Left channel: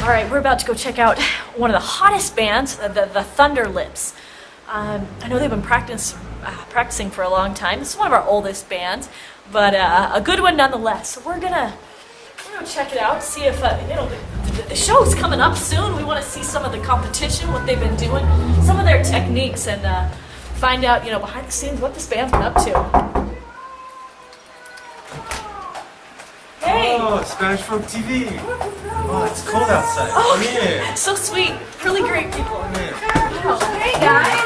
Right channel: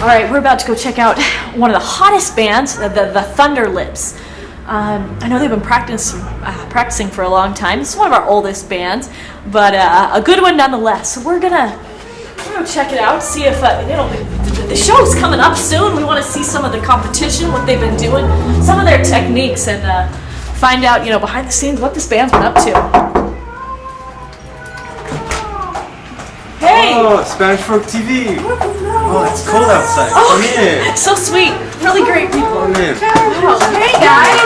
All right, we're about to go check out one of the hottest bands, the Thunder Lips. I know they've been practicing for a long time. This is one of our oldest bands, but a good one nonetheless. So we're gonna check it out, see if the show's coming up soon. We want to see some of the competition, what they've been doing, some of their techniques, and find out, behind the scenes what this band's been up to. Hey! Oh, Spanish Folk TV! Oh, it's cold outside. Come in. So sweet. Really great people. Come in. Oh, hey guys!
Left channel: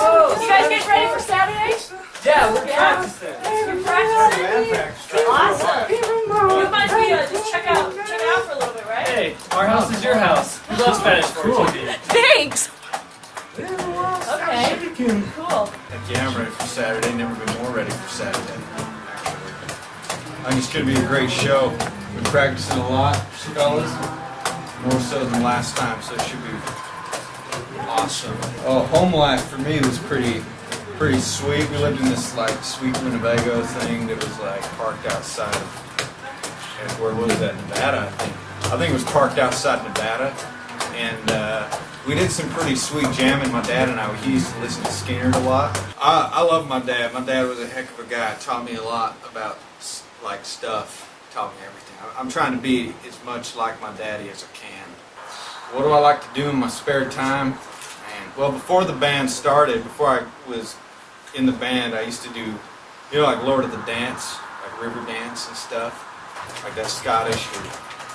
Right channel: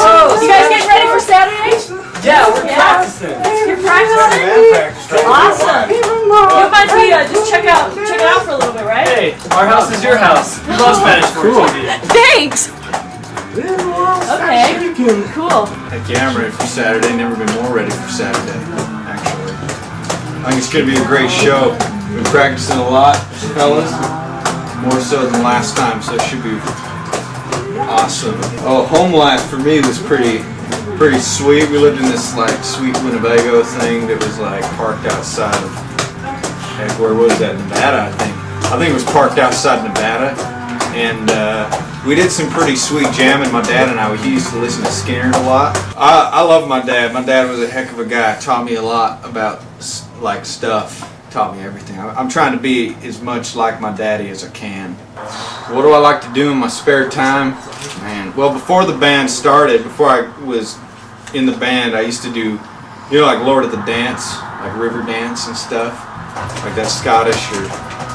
Oh, you guys getting ready for Saturday? Yeah, we're practicing. You're practicing? Awesome. You might be just check it out for a little bit, right? Hey, our house is your house. We love Spanish Folk TV. Thanks. Okay. Cool. Heck yeah, I'm ready for Saturday. Never been more ready for Saturday, actually. I think it's going to be a great show. Been practicing a lot, fellas. More so than last time, so it should be awesome. Oh, home life for me was pretty sweet. We lived in this sweet Winnebago thing that was parked outside of, heck, where was that? Nevada, I think it was parked outside Nevada. And we did some pretty sweet jamming. My dad and I, we used to listen to Skynyrd a lot. I love my dad. My dad was a heck of a guy. Taught me a lot about stuff. Taught me everything. I'm trying to be as much like my daddy as I can. What do I like to do in my spare time? Man, well, before the band started, before I was in the band, I used to do, like Lord of the Dance, like river dance and stuff. Like that's Scottish or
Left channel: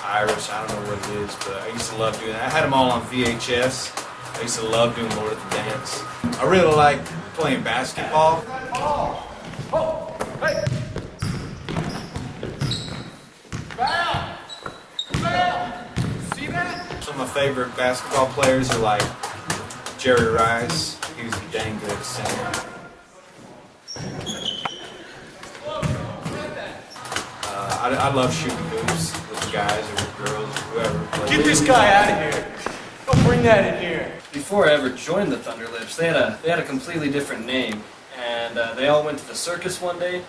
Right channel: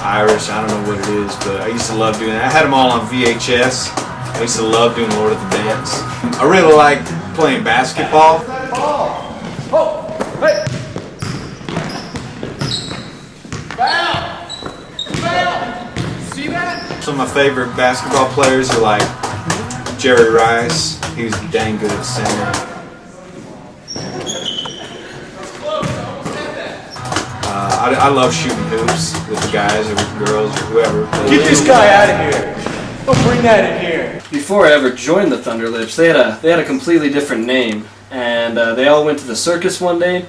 Irish, I don't know what it is, but I used to love doing that. I had them all on VHS. I used to love doing Lord of the Dance. I really liked playing basketball. Oh, hey! See that? Some of my favorite basketball players are like Jerry Rice. He's a dang good center. I love shooting hoops with the guys or with the girls or whoever. Get this guy out of here. Don't bring that in here. Before I ever joined the Thunder Lips, they had a completely different name, and they all went to the circus one day.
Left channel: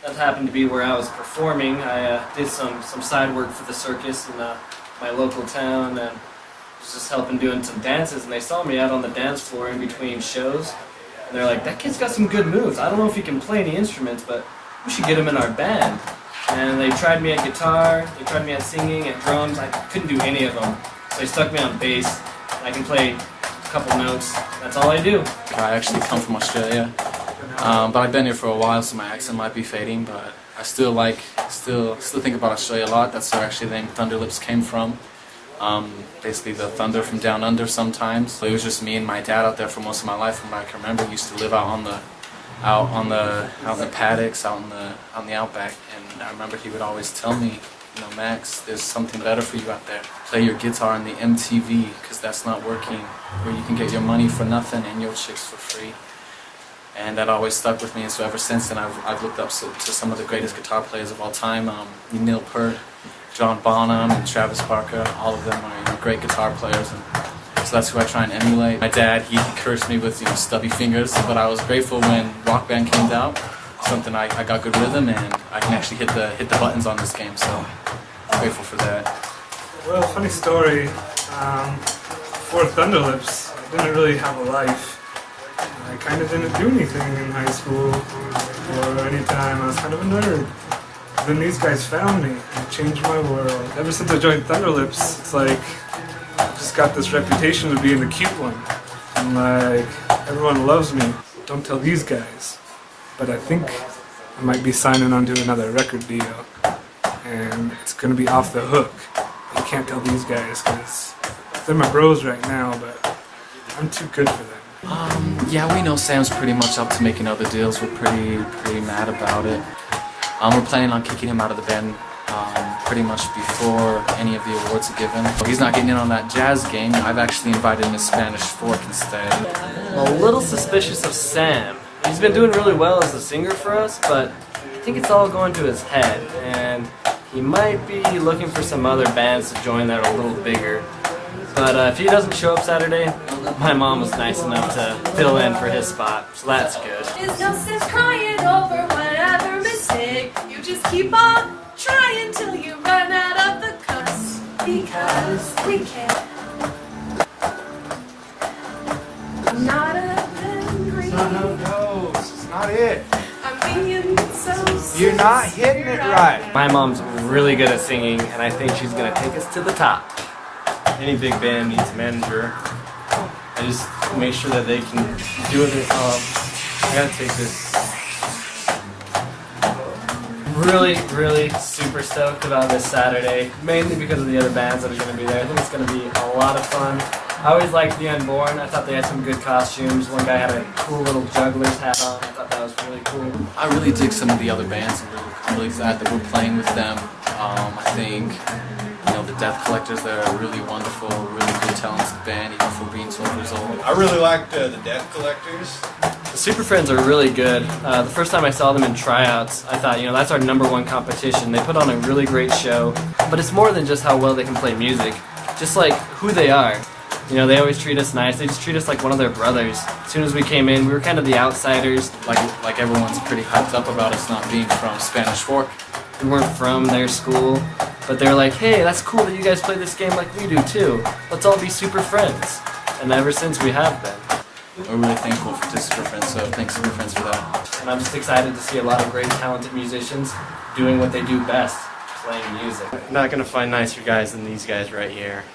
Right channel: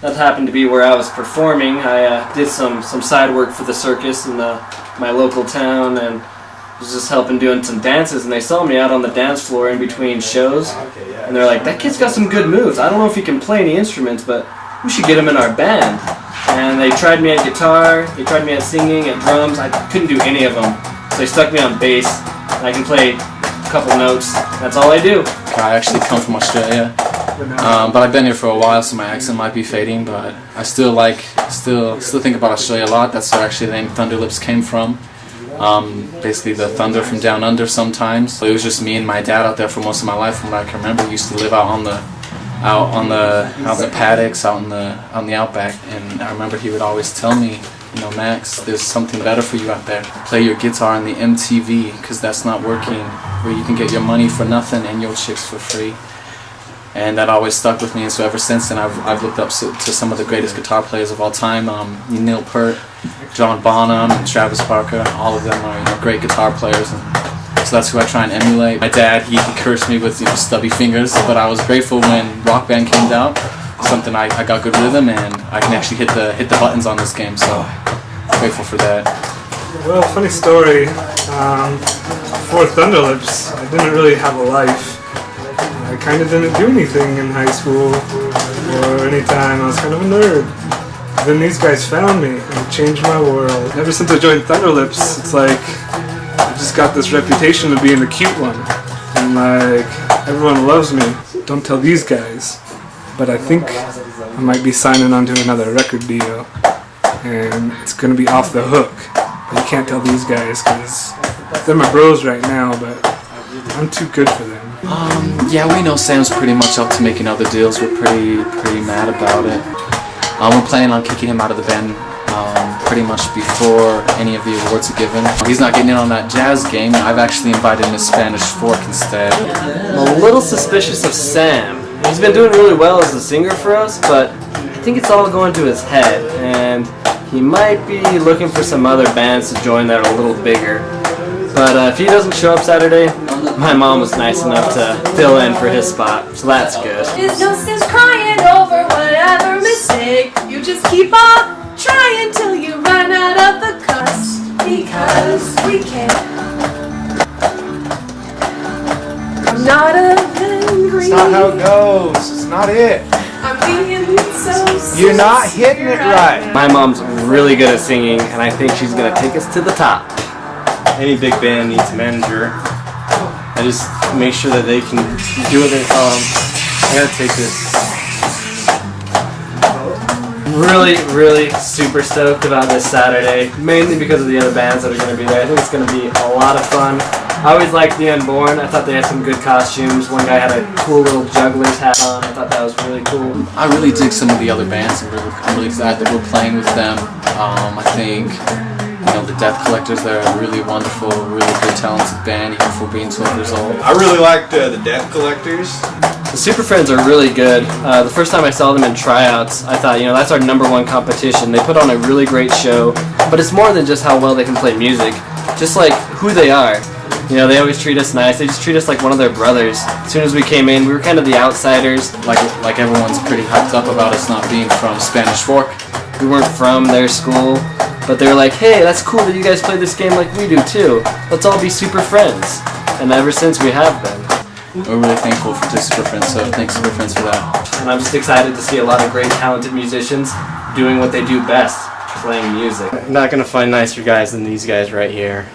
That happened to be where I was performing. I did some side work for the circus in my local town, and was just helping doing some dances, and they saw me out on the dance floor in between shows, and they're like, that kid's got some good moves. I don't know if he can play any instruments, but we should get him in our band. And they tried me at guitar, they tried me at singing, at drums. I couldn't do any of them, so they stuck me on bass, and I can play a couple notes. That's all I do. I actually come from Australia, but I've been here for a while, so my accent might be fading, but I still think about Australia a lot. That's where actually the name Thunder Lips came from. Basically the thunder from down under sometimes. It was just me and my dad out there for most of my life from what I can remember. We used to live out in the paddocks, out in the outback, and I remember he would always tell me, Max, there's something better for you out there. Play your guitar on the MTV, because that's not working, where you can get your money for nothing and your chicks for free. And that always stuck with me, and so ever since then I've looked up to some of the greatest guitar players of all time, Neil Peart, John Bonham, and Travis Barker. All of them are great guitar players, and so that's who I try and emulate. My dad, he cursed me with stubby fingers, but I was grateful when Rock Band came out. Something I got good rhythm, and I can actually hit the buttons on this game, so grateful for that. Well, funny story. Before Thunder Lips, I didn't really have a life. I kind of didn't do anything in high school or any time. I was kind of a nerd. Then these guys found me and it changed my world. Ever since I joined Thunder Lips, it's like I just got this reputation of being the cute one. And everyone loves me. Don't tell these guys. But I think I might be signing onto another record deal. And it's going to be Off the Hook. But you can't tell these guys because they're my bros right now, but I'm too good for them. Yeah, we know Sam's pretty much up to making other deals. We're pretty mad about it. We're planning on kicking him out of the band pretty much before any of the awards are given. He's not getting in on that jazz game. I've actually invited him to Spanish Fork instead. I'm a little suspicious of Sam. He's been doing really well as a singer for us, but I think it's all going to his head, and he might be looking for some other bands to join that are a little bigger. But if he doesn't show up Saturday, my mom was nice enough to fill in for his spot, so that's good. There's no sense crying over whatever mistake. You just keep on trying till you run out of the cuss. Because 'cause we can. I'm not a hungry. That's not how it goes. It's not it. I'm being so You're not hitting it right. My mom's really good at singing, and I think she's gonna take us to the top. Any big band needs a manager. I just make sure that they can do what they. I gotta take this. Really super stoked about this Saturday, mainly because of the other bands that are going to be there. I think it's going to be a lot of fun. I always liked The Unborn. I thought they had some good costumes. One guy had a cool little juggler's hat on. I thought that was really cool. I really dig some of the other bands. I'm really glad that we're playing with them. I think, you know, the Death Collectors, they're a really wonderful, really good, talented band, even for being 12 years old. I really liked the Death Collectors. The Super Friends are really good. The first time I saw them in tryouts, I thought, you know, that's our #1 competition. They put on a really great show, but it's more than just how well they can play music, just like who they are. You know, they always treat us nice. They just treat us like one of their brothers. As soon as we came in, we were kind of the outsiders. Like everyone's pretty hyped up about us not being from Spanish Fork. We weren't from their school, but they were like, hey, that's cool that you guys play this game like we do too. Let's all be super friends. And ever since we have been. We're really thankful to Super Friends, so thanks Super Friends for that. And I'm just excited to see a lot of great talented musicians doing what they do best, playing music. You're not gonna find nicer guys than these guys right here.